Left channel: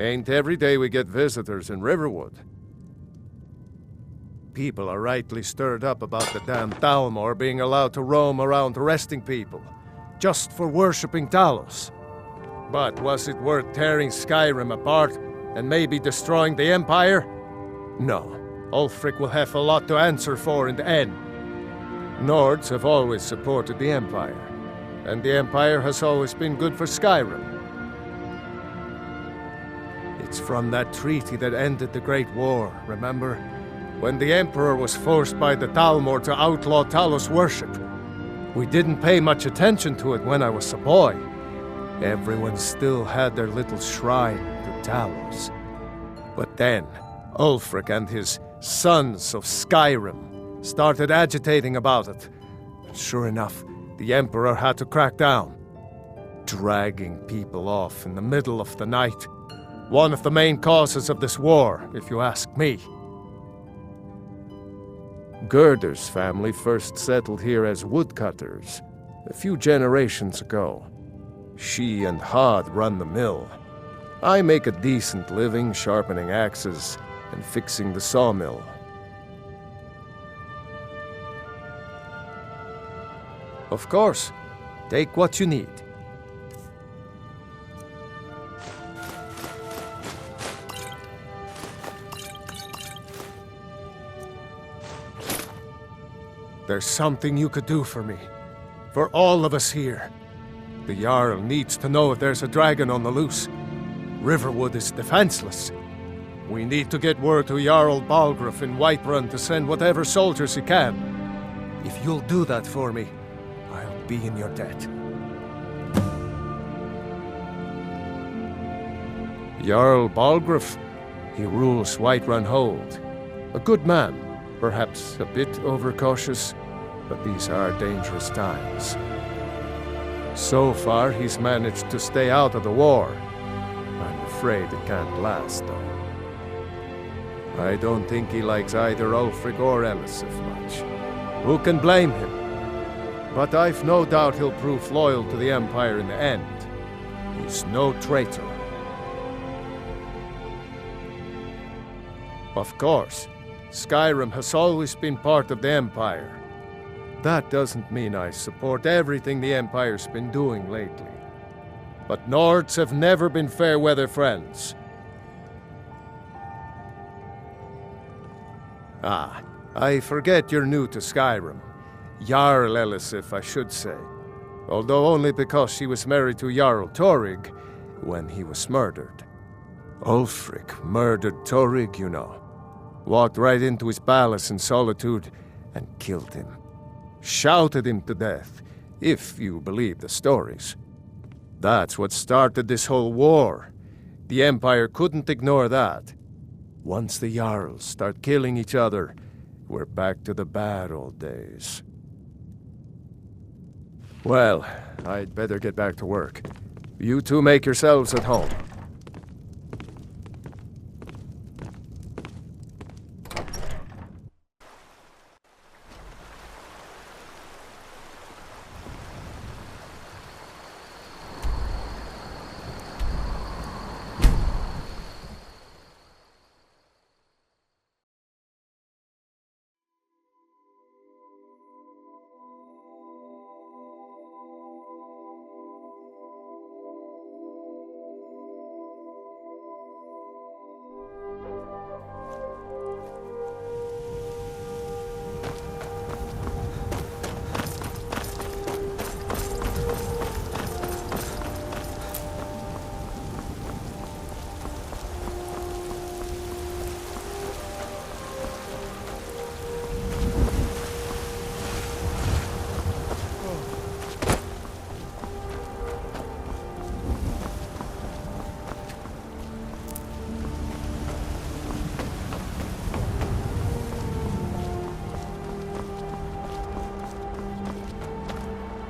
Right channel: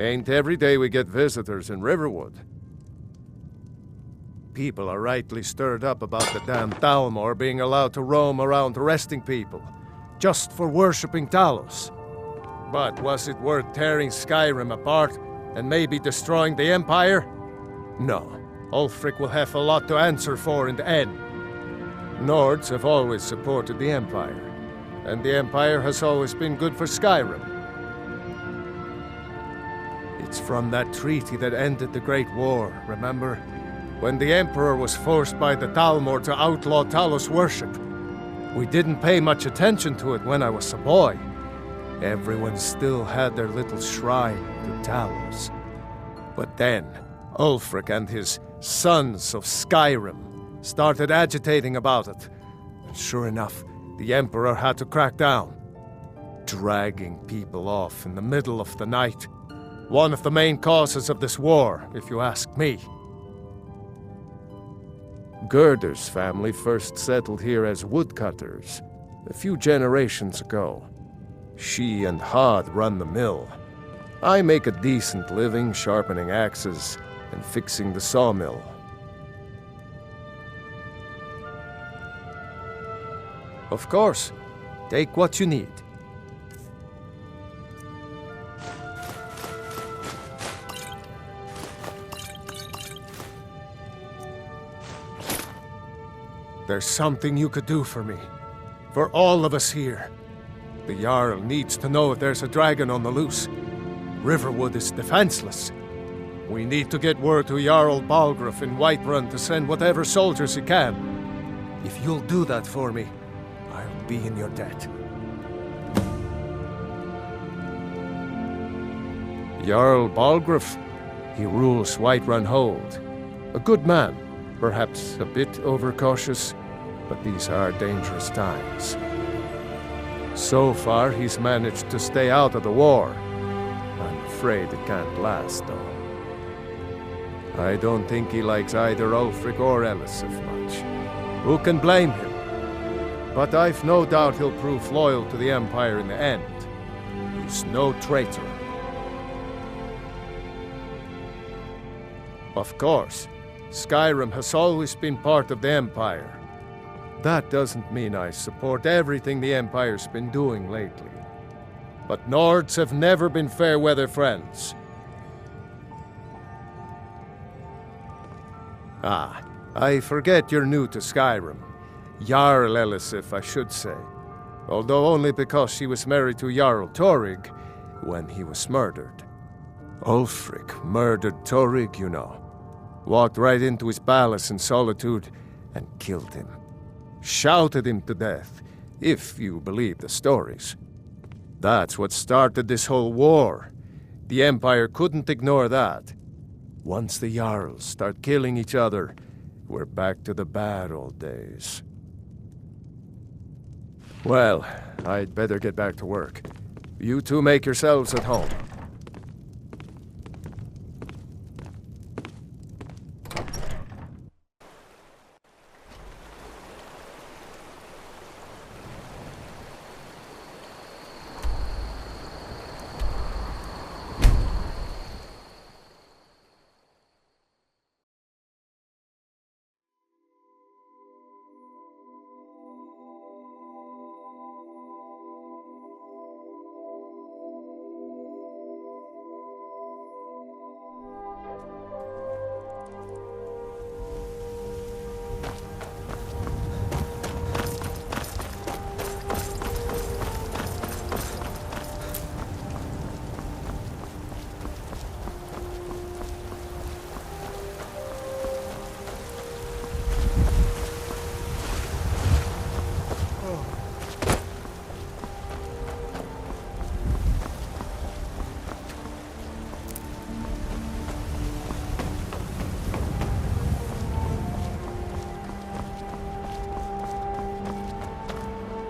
Ain't every day we get visitors in Riverwood. People are rightly stirred up about the damn Thalmor being allowed to roam around arresting people, just for worshipping Talos. But was it worth tearing Skyrim apart and maybe destroying the Empire? No. Ulfric will have a lot to answer for in the end. Nords have always supported the Empire, and the Empire has always been good for Skyrim. It's from that treaty that ended the Great War, remember? When the Emperor was forced by the Thalmor to outlaw Talos worship. We didn't pay much attention to it when I was a boy. Everyone still had their little shrine to Talos. But then, Ulfric and his Sons of Skyrim started agitating about it. And sure enough, the Emperor had to crack down. Dragging people off in the middle of the night. One of the main causes of this war, if you ask me. Gerder's family first settled here as woodcutters, a few generations ago. She and Hod run the mill. I make a decent living sharpening axes and fixing the sawmill. Of course, take what you need. There's something you could do for me. For all of us here. The Jarl needs to know if there's a dragon on the loose. Riverwood is defenseless. We need to get word to Jarl Balgruuf in Whiterun to send whatever soldiers he can. If you'll do that for me, I'll be in your debt. Jarl Balgruuf, he rules Whiterun Hold. A good man, perhaps a bit overcautious, but these are dangerous times. So far, he's managed to stay out of the war. I'm afraid it can't last, though. I don't think he likes either Ulfric or Elisif much. Who can blame him? But I've no doubt he'll prove loyal to the Empire in the end. He's no traitor. Of course, Skyrim has always been part of the Empire. That doesn't mean I support everything the Empire's been doing lately. But Nords have never been fair-weather friends. Ah, I forget you're new to Skyrim. Jarl Elisif, I should say. Although only because she was married to Jarl Torrig when he was murdered. Ulfric murdered Torrig, you know. Walked right into his palace in Solitude and killed him. Shouted him to death, if you believe the stories. That's what started this whole war. The Empire couldn't ignore that. Once the Jarls start killing each other, we're back to the bad old days. Well, I'd better get back to work. You two make yourselves at home.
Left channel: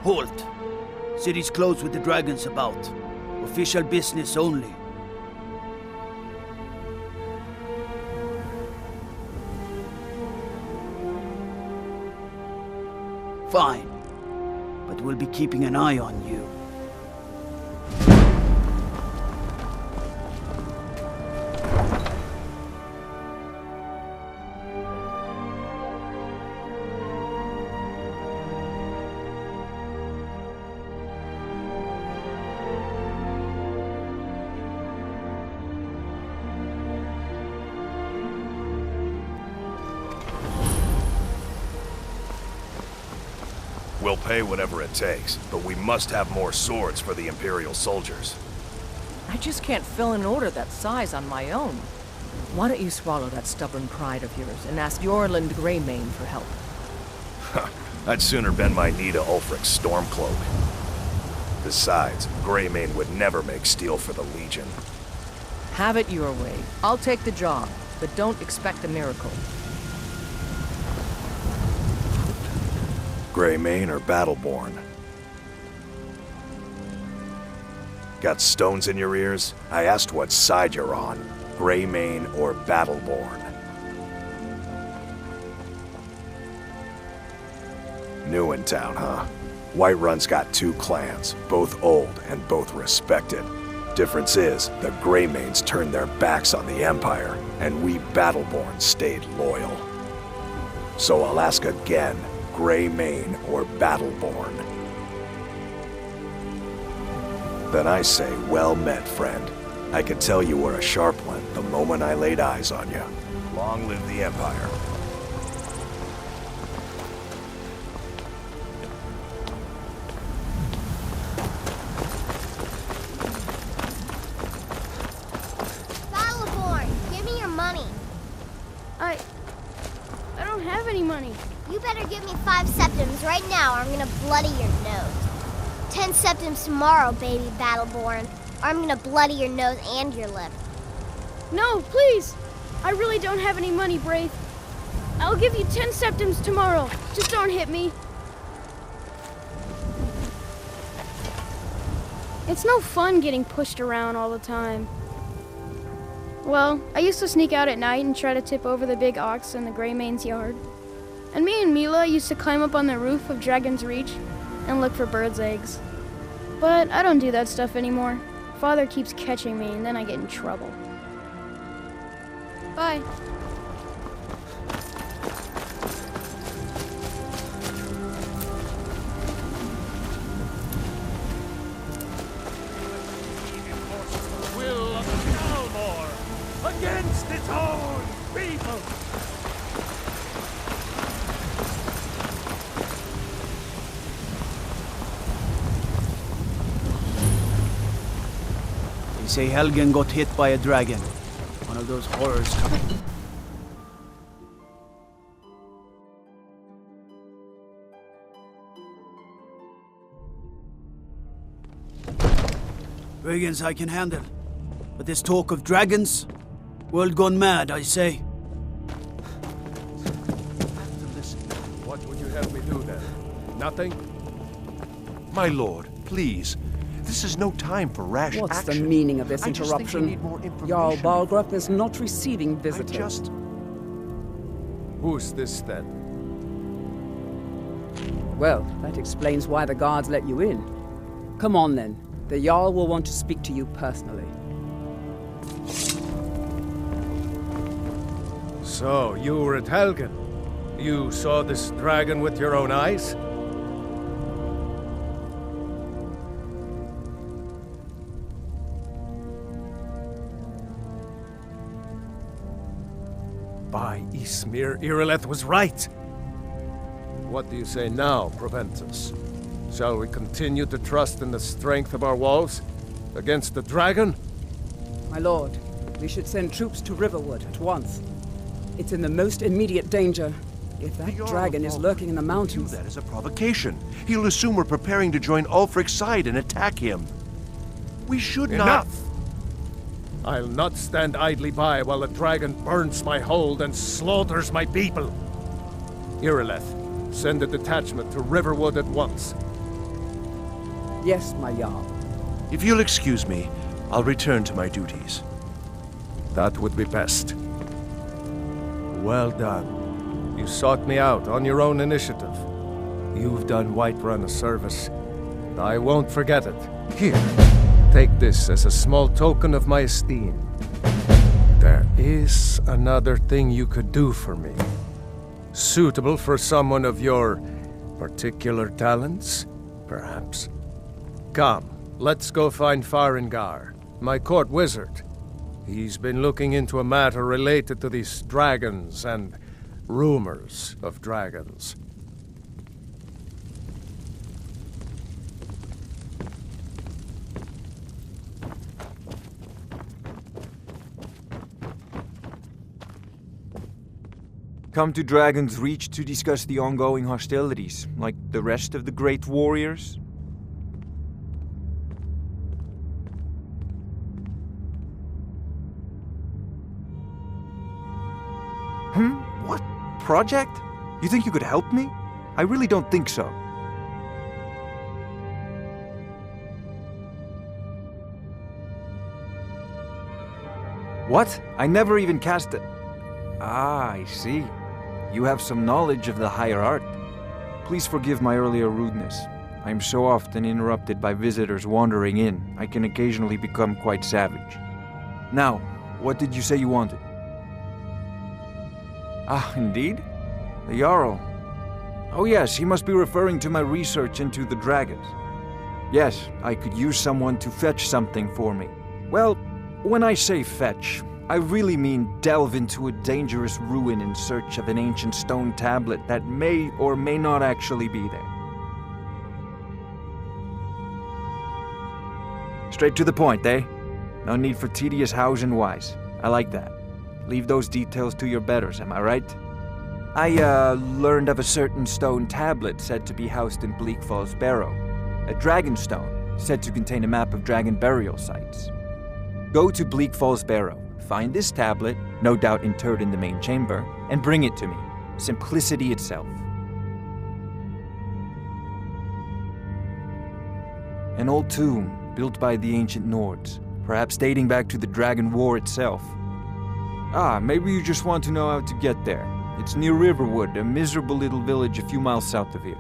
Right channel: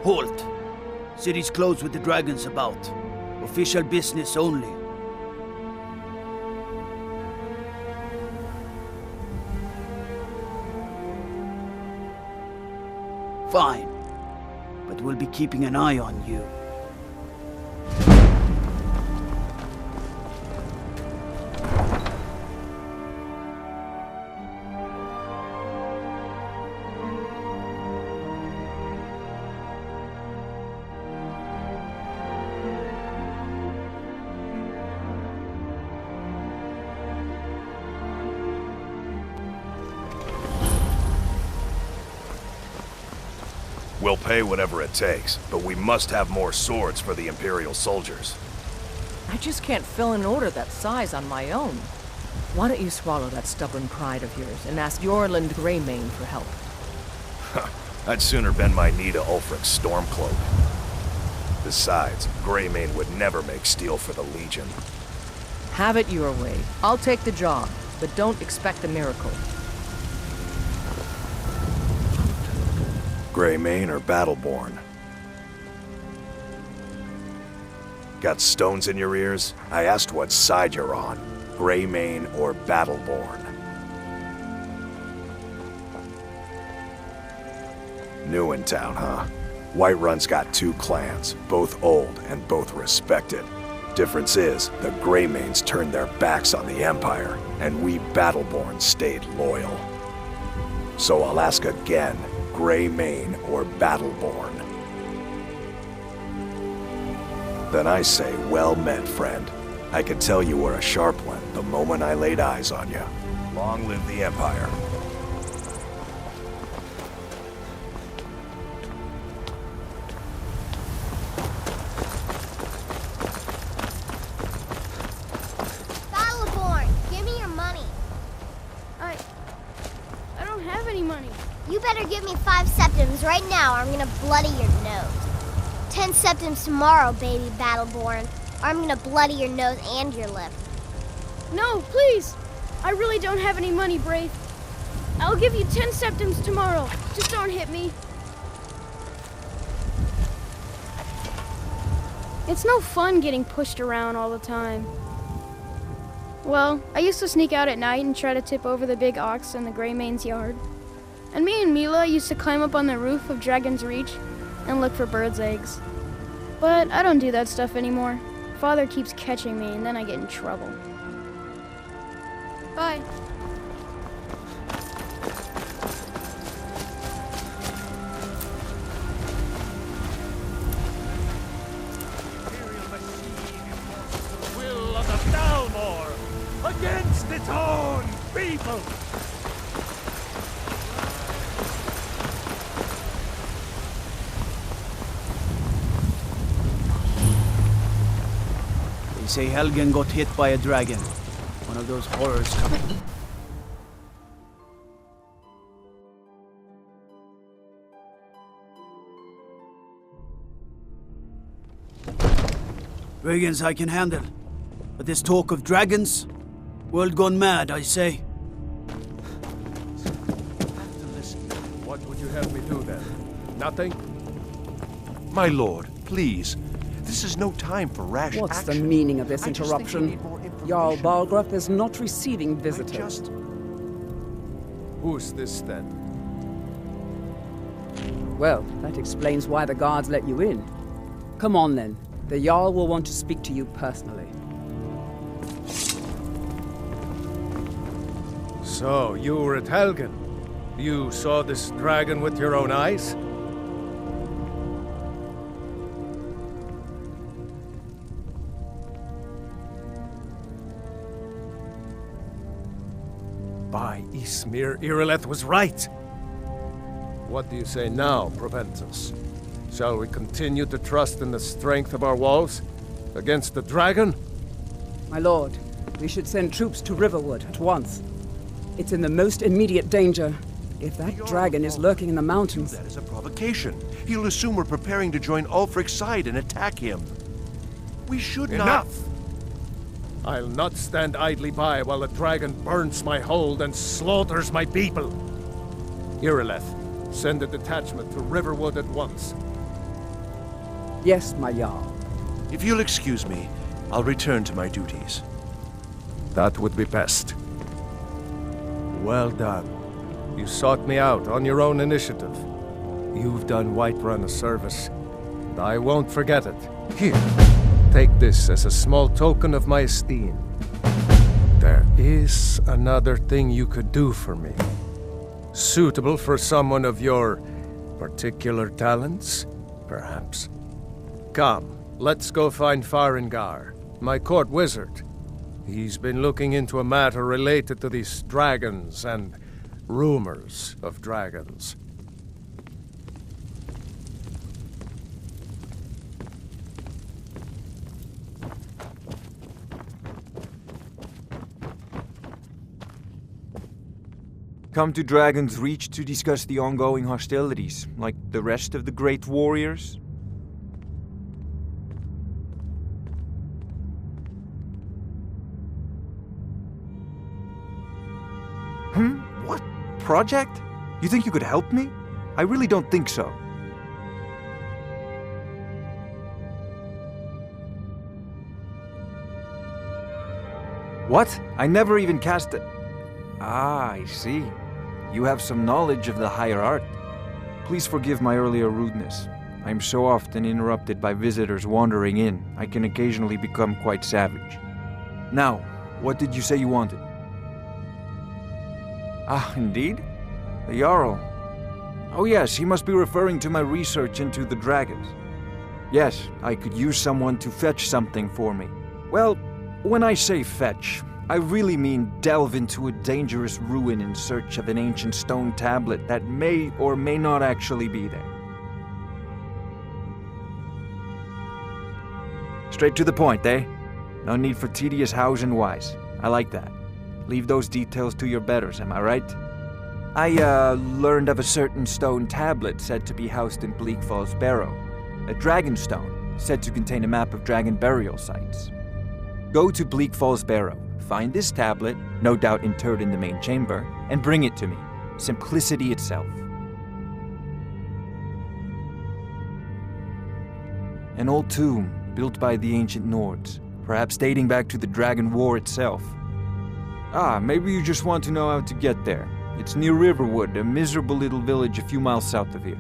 Halt! City's closed with the dragons about. Official business only. Fine. But we'll be keeping an eye on you. We'll pay whatever it takes, but we must have more swords for the Imperial soldiers. I just can't fill an order that size on my own. Why don't you swallow that stubborn pride of yours and ask Yorland Greymane for help? I'd sooner bend my knee to Ulfric's Stormcloak. Besides, Greymane would never make steel for the Legion. Have it your way. I'll take the job, but don't expect a miracle. Greymane or Battleborn? Got stones in your ears? I asked what side you're on. Greymane or Battleborn? New in town, huh? Whiterun's got 2 clans, both old and both respected. Difference is, the Greymanes turned their backs on the Empire, and we Battleborn stayed loyal. So I'll ask again, Greymane or Battleborn? Then I say, well met, friend. I could tell you were a sharp one the moment I laid eyes on you. Long live the Empire. Battleborn, give me your money. I don't have any money. You better give me 5 septims right now or I'm gonna bloody your nose. 10 septims tomorrow, baby Battleborn, or I'm gonna bloody your nose and your lip. No, please. I really don't have any money, Braith. I'll give you 10 septims tomorrow. Just don't hit me. It's no fun getting pushed around all the time. Well, I used to sneak out at night and try to tip over the big ox in the Greymane's yard. And me and Mila used to climb up on the roof of Dragon's Reach and look for birds' eggs. But I don't do that stuff anymore. Father keeps catching me and then I get in trouble. Bye. The will of the Dalmor against its own people! They say Helgen got hit by a dragon. One of those horrors coming. Brigands I can handle. But this talk of dragons? World gone mad, I say. What would you have me do then? Nothing? My lord, please. This is no time for rash What's action. the meaning of this I just think we interruption? need more information. Jarl Balgruuf is not receiving visitors. Who's this then? Well, that explains why the guards let you in. Come on then. The Jarl will want to speak to you personally. So, you were at Helgen? You saw this dragon with your own eyes? By Ysmir, Irileth was right! What do you say now, Proventus? Shall we continue to trust in the strength of our walls? Against the dragon? My lord, we should send troops to Riverwood at once. It's in the most immediate danger. If that dragon is lurking in the mountains... That is a provocation. He'll assume we're preparing to join Ulfric's side and attack him. We should not... Enough! I'll not stand idly by while the dragon burns my hold and slaughters my people. Irileth, send a detachment to Riverwood at once. Yes, my Jarl. If you'll excuse me, I'll return to my duties. That would be best. Well done. You sought me out on your own initiative. You've done Whiterun a service, and I won't forget it. Here, take this as a small token of my esteem. There is another thing you could do for me. Suitable for someone of your particular talents, perhaps. Come, let's go find Farengar, my court wizard. He's been looking into a matter related to these dragons and rumors of dragons. come to Dragon's Reach to discuss the ongoing hostilities, like the rest of the great warriors? What? Project? You think you could help me? I really don't think so. What? I never even cast a... Ah, I see. You have some knowledge of the higher art. Please forgive my earlier rudeness. I am so often interrupted by visitors wandering in, I can occasionally become quite savage. Now, what did you say you wanted? Ah, indeed? The Jarl. Oh yes, he must be referring to my research into the dragons. Yes, I could use someone to fetch something for me. Well, when I say fetch, I really mean delve into a dangerous ruin in search of an ancient stone tablet that may or may not actually be there. Straight to the point, eh? No need for tedious hows and whys. I like that. Leave those details to your betters, am I right? I, learned of a certain stone tablet said to be housed in Bleak Falls Barrow. A dragon stone, said to contain a map of dragon burial sites. Go to Bleak Falls Barrow, find this tablet, no doubt interred in the main chamber, and bring it to me. Simplicity itself. An old tomb, built by the ancient Nords, perhaps dating back to the Dragon War itself. Ah, maybe you just want to know how to get there. It's near Riverwood, a miserable little village a few miles south of here.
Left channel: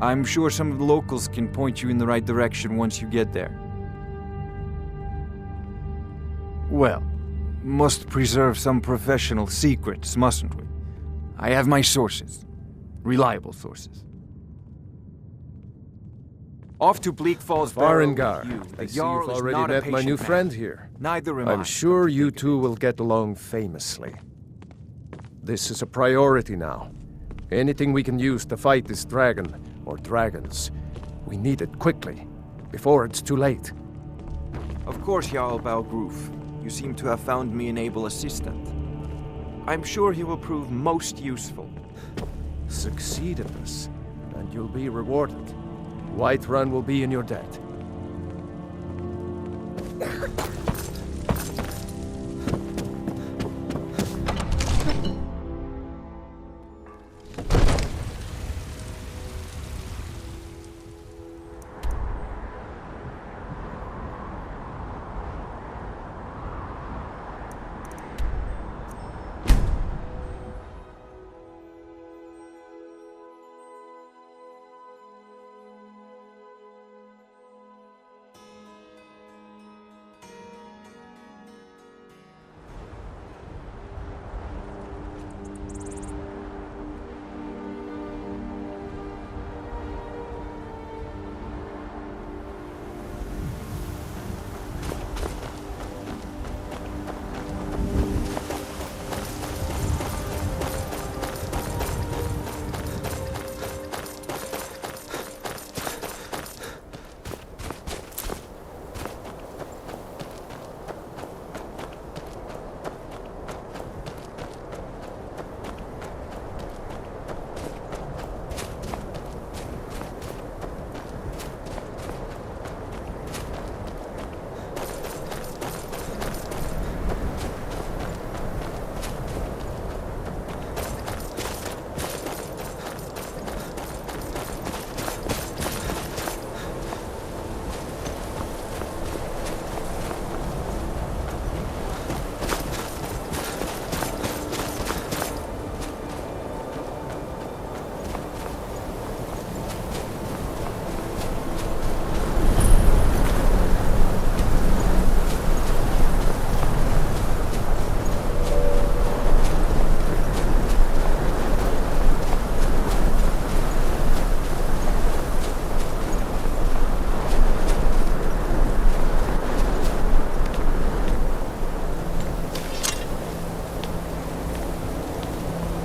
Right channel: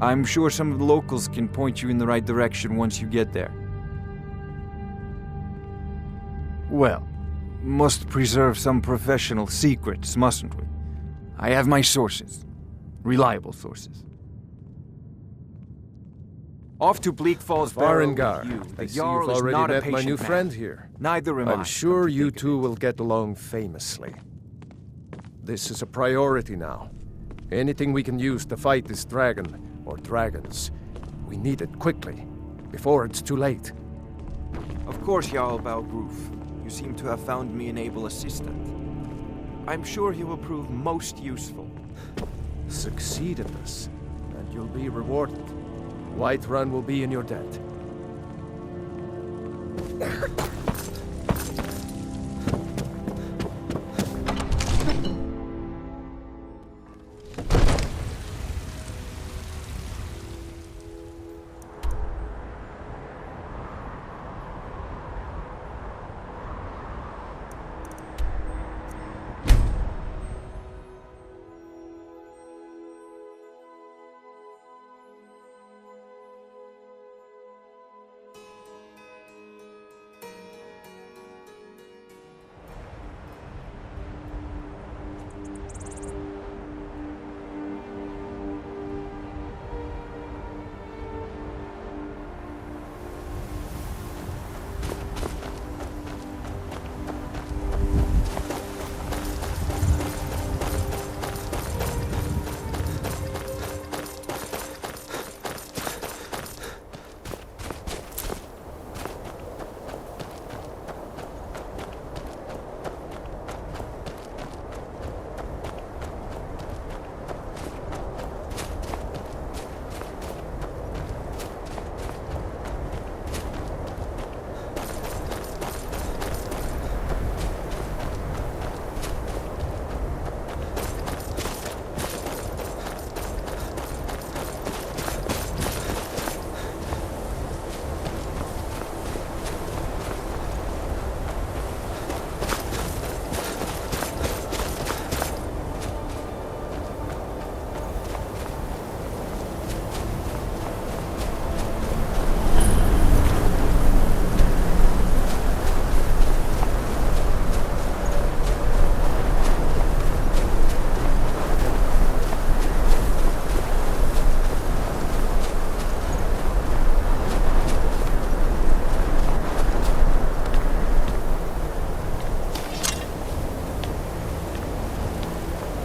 I'm sure some of the locals can point you in the right direction once you get there. Well, must preserve some professional secrets, mustn't we? I have my sources. Reliable sources. Off to Bleak Falls Barrow with Farengar, you. I The see Jarl you've is already not a met my patient new man. friend here. Neither am I. I'm sure come to you think of two it. will get along famously. This is a priority now. Anything we can use to fight this dragon, or dragons, we need it quickly, before it's too late. Of course, Jarl Balgroof. You seem to have found me an able assistant. I'm sure he will prove most useful. Succeed at this, and you'll be rewarded. Whiterun will be in your debt.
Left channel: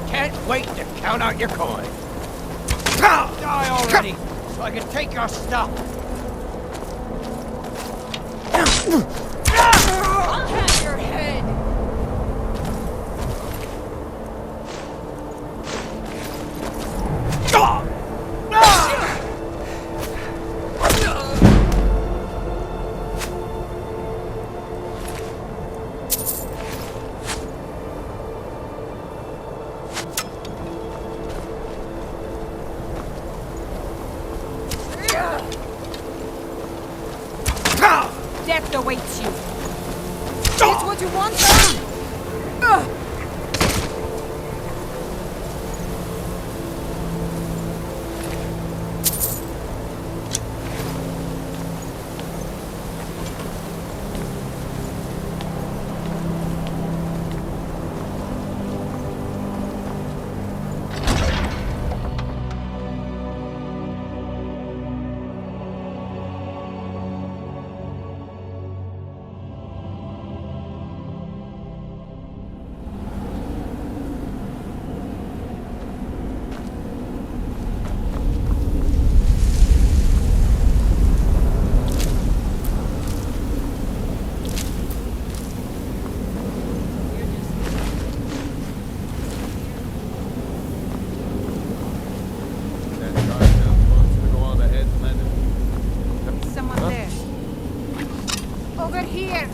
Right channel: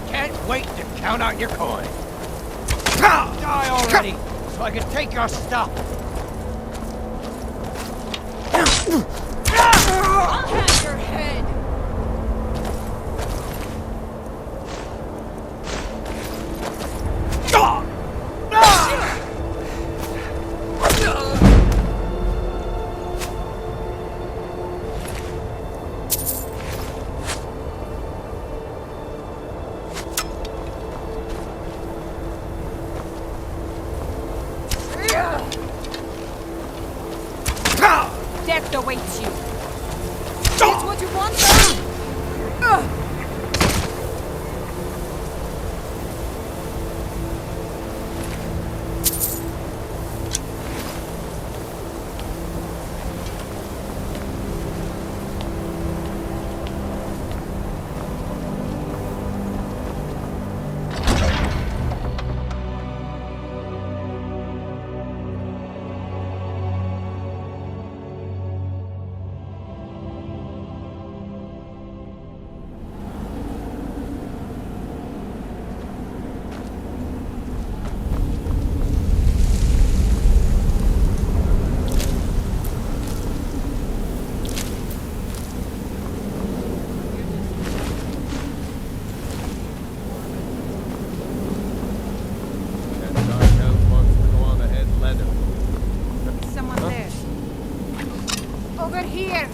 Can't wait to count out your coin. Die already, so I can take your stuff. I'll have your head! death awaits you. It's what you want, son? Someone there. Over here.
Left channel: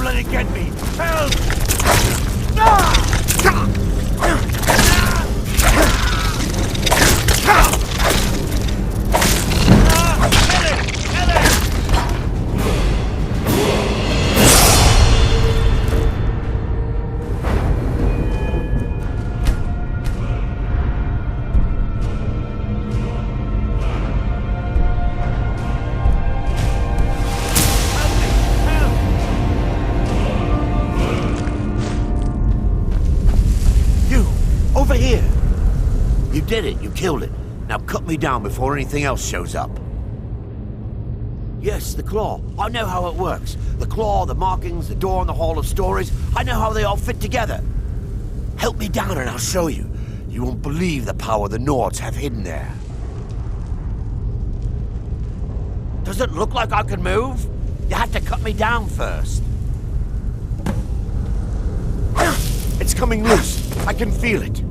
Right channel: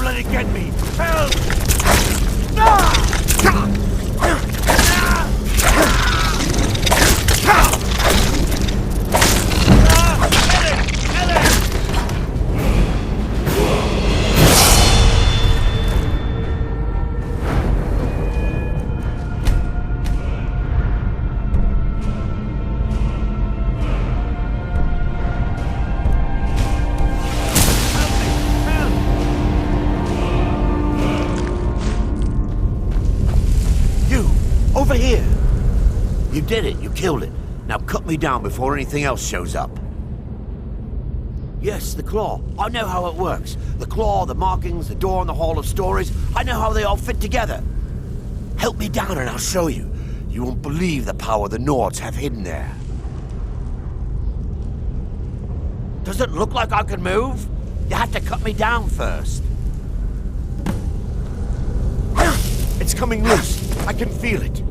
Let it get me! Help! right here. You did it. You killed it. Now cut me down before anything else shows up. Yes, the claw. I know how it works. The claw, the markings, the door in the Hall of Stories. I know how they all fit together. Help me down and I'll show you. You won't believe the power the Nords have hidden there. Does it look like I can move? You have to cut me down first. It's coming loose. I can feel it.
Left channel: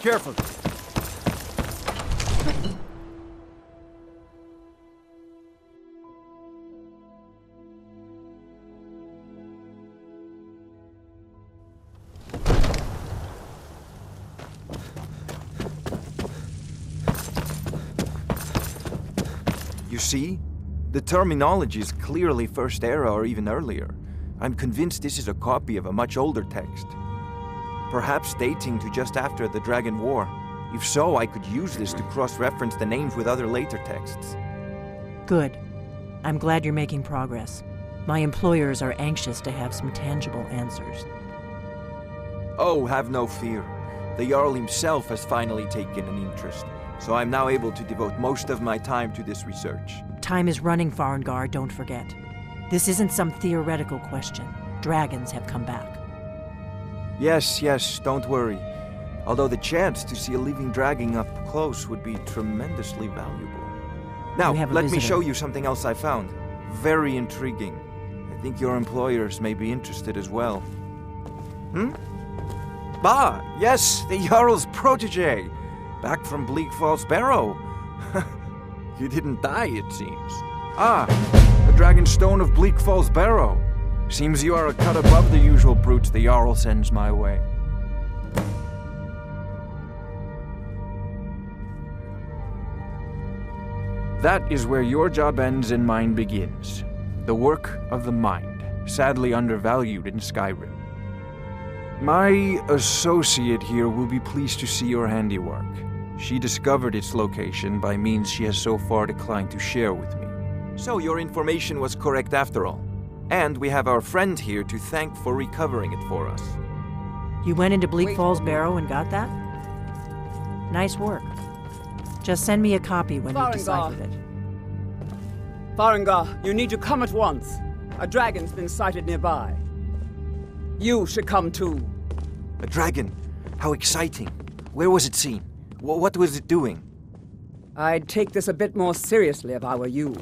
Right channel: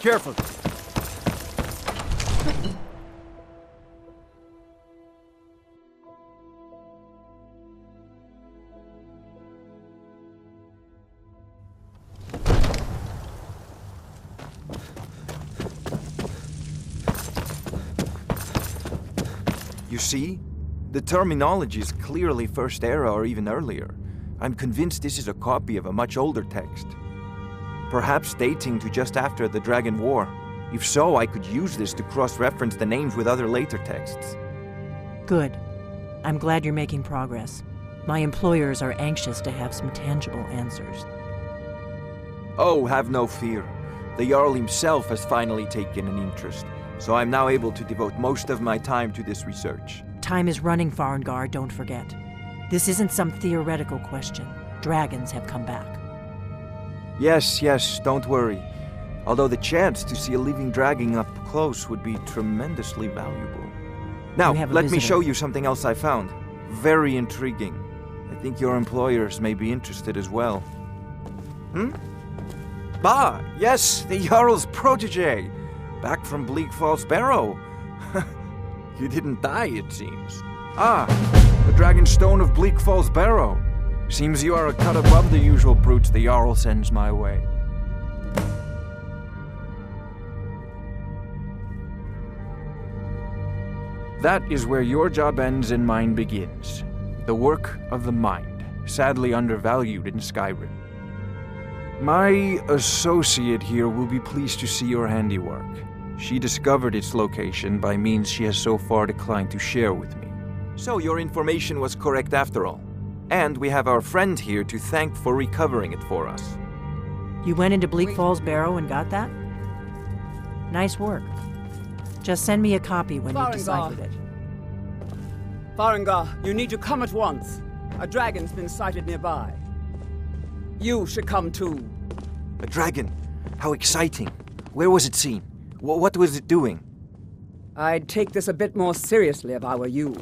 careful. You see? The terminology is clearly First Era or even earlier. I'm convinced this is a copy of a much older text. Perhaps dating to just after the Dragon War. If so, I could use this to cross-reference the names with other later texts. Good. I'm glad you're making progress. My employers are anxious to have some tangible answers. Oh, have no fear. The Jarl himself has finally taken an interest, so I'm now able to devote most of my time to this research. Time is running, Farengar, don't forget. This isn't some theoretical question. Dragons have come back. Yes, don't worry. Although the chance to see a living dragon up close would be tremendously valuable. Now, let me show you something else I found. Very intriguing. I think your employers may be interested as well. Ah, yes, the Jarl's protege. Back from Bleak Falls Barrow. You didn't die, it seems. Ah, the Dragon Stone of Bleak Falls Barrow. Seems you are a cut above the usual brutes the Jarl sends my way. That is where your job ends and mine begins. The work of the mind, sadly undervalued in Skyrim. My associate here will be pleased to see your handiwork. She discovered its location by means she has so far declined to share with me. So your information was correct after all. And we have our friend here to thank for recovering it for us. You went into Bleak Falls Barrow and got that? Nice work. Just send me a copy when you deciphered it. Farengar, you need to come at once. A dragon's been sighted nearby. You should come too. A dragon? How exciting. Where was it seen? What was it doing? I'd take this a bit more seriously if I were you.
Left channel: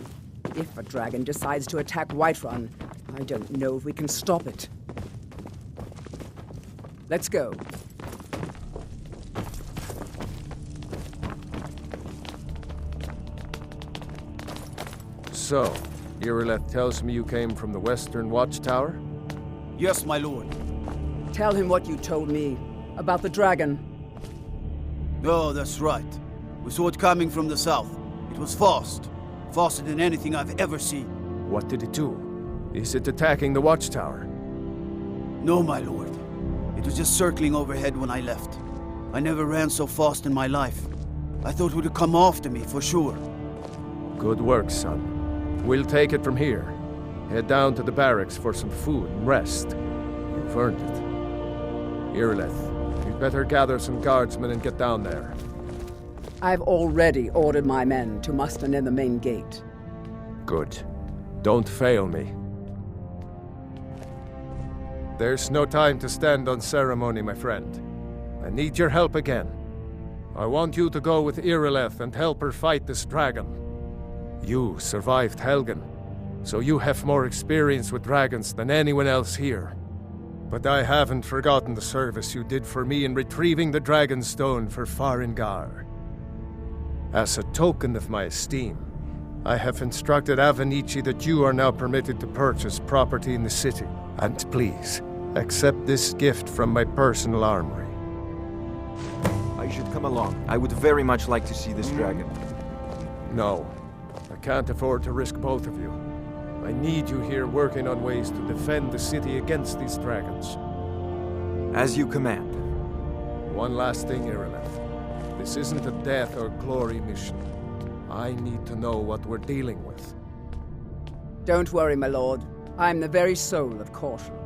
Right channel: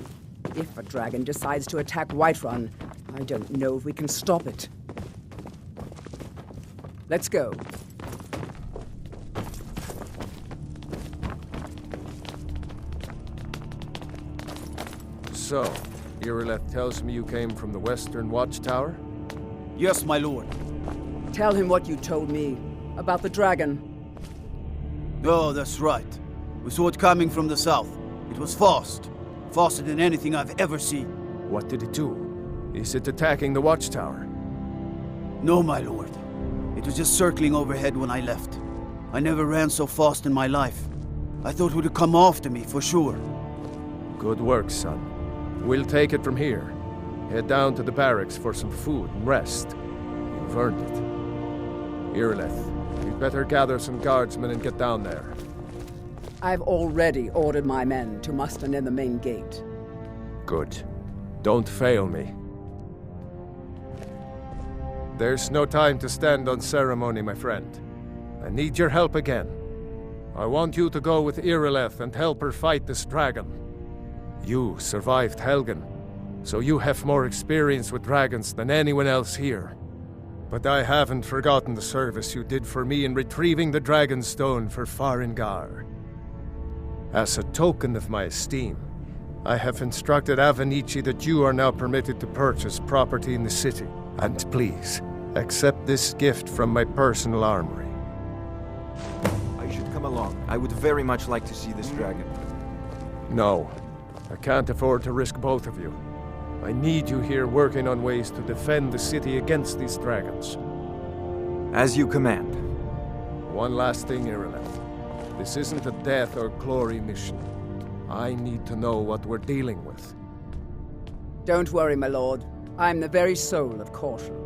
If a dragon decides to attack Whiterun, I don't know if we can stop it. Let's go. So, Irileth tells me you came from the Western Watchtower? Yes, my lord. Tell him what you told me about the dragon. Oh, that's right. We saw it coming from the south. It was fast. Faster than anything I've ever seen. What did it do? Is it attacking the Watchtower? No, my lord. It was just circling overhead when I left. I never ran so fast in my life. I thought it would come after me, for sure. Good work, son. We'll take it from here. Head down to the barracks for some food and rest. You've earned it. Irileth, you'd better gather some guardsmen and get down there. I've already ordered my men to muster near the main gate. Good. Don't fail me. There's no time to stand on ceremony, my friend. I need your help again. I want you to go with Irileth and help her fight this dragon. You survived Helgen, so you have more experience with dragons than anyone else here. But I haven't forgotten the service you did for me in retrieving the Dragon Stone for Farengar. As a token of my esteem, I have instructed Avenici that you are now permitted to purchase property in the city. And please, accept this gift from my personal armory. I should come along. I would very much like to see this dragon. No, I can't afford to risk both of you. I need you here working on ways to defend the city against these dragons. As you command. One last thing, Irileth. This isn't a death or glory mission. I need to know what we're dealing with. Don't worry, my lord. I'm the very soul of caution.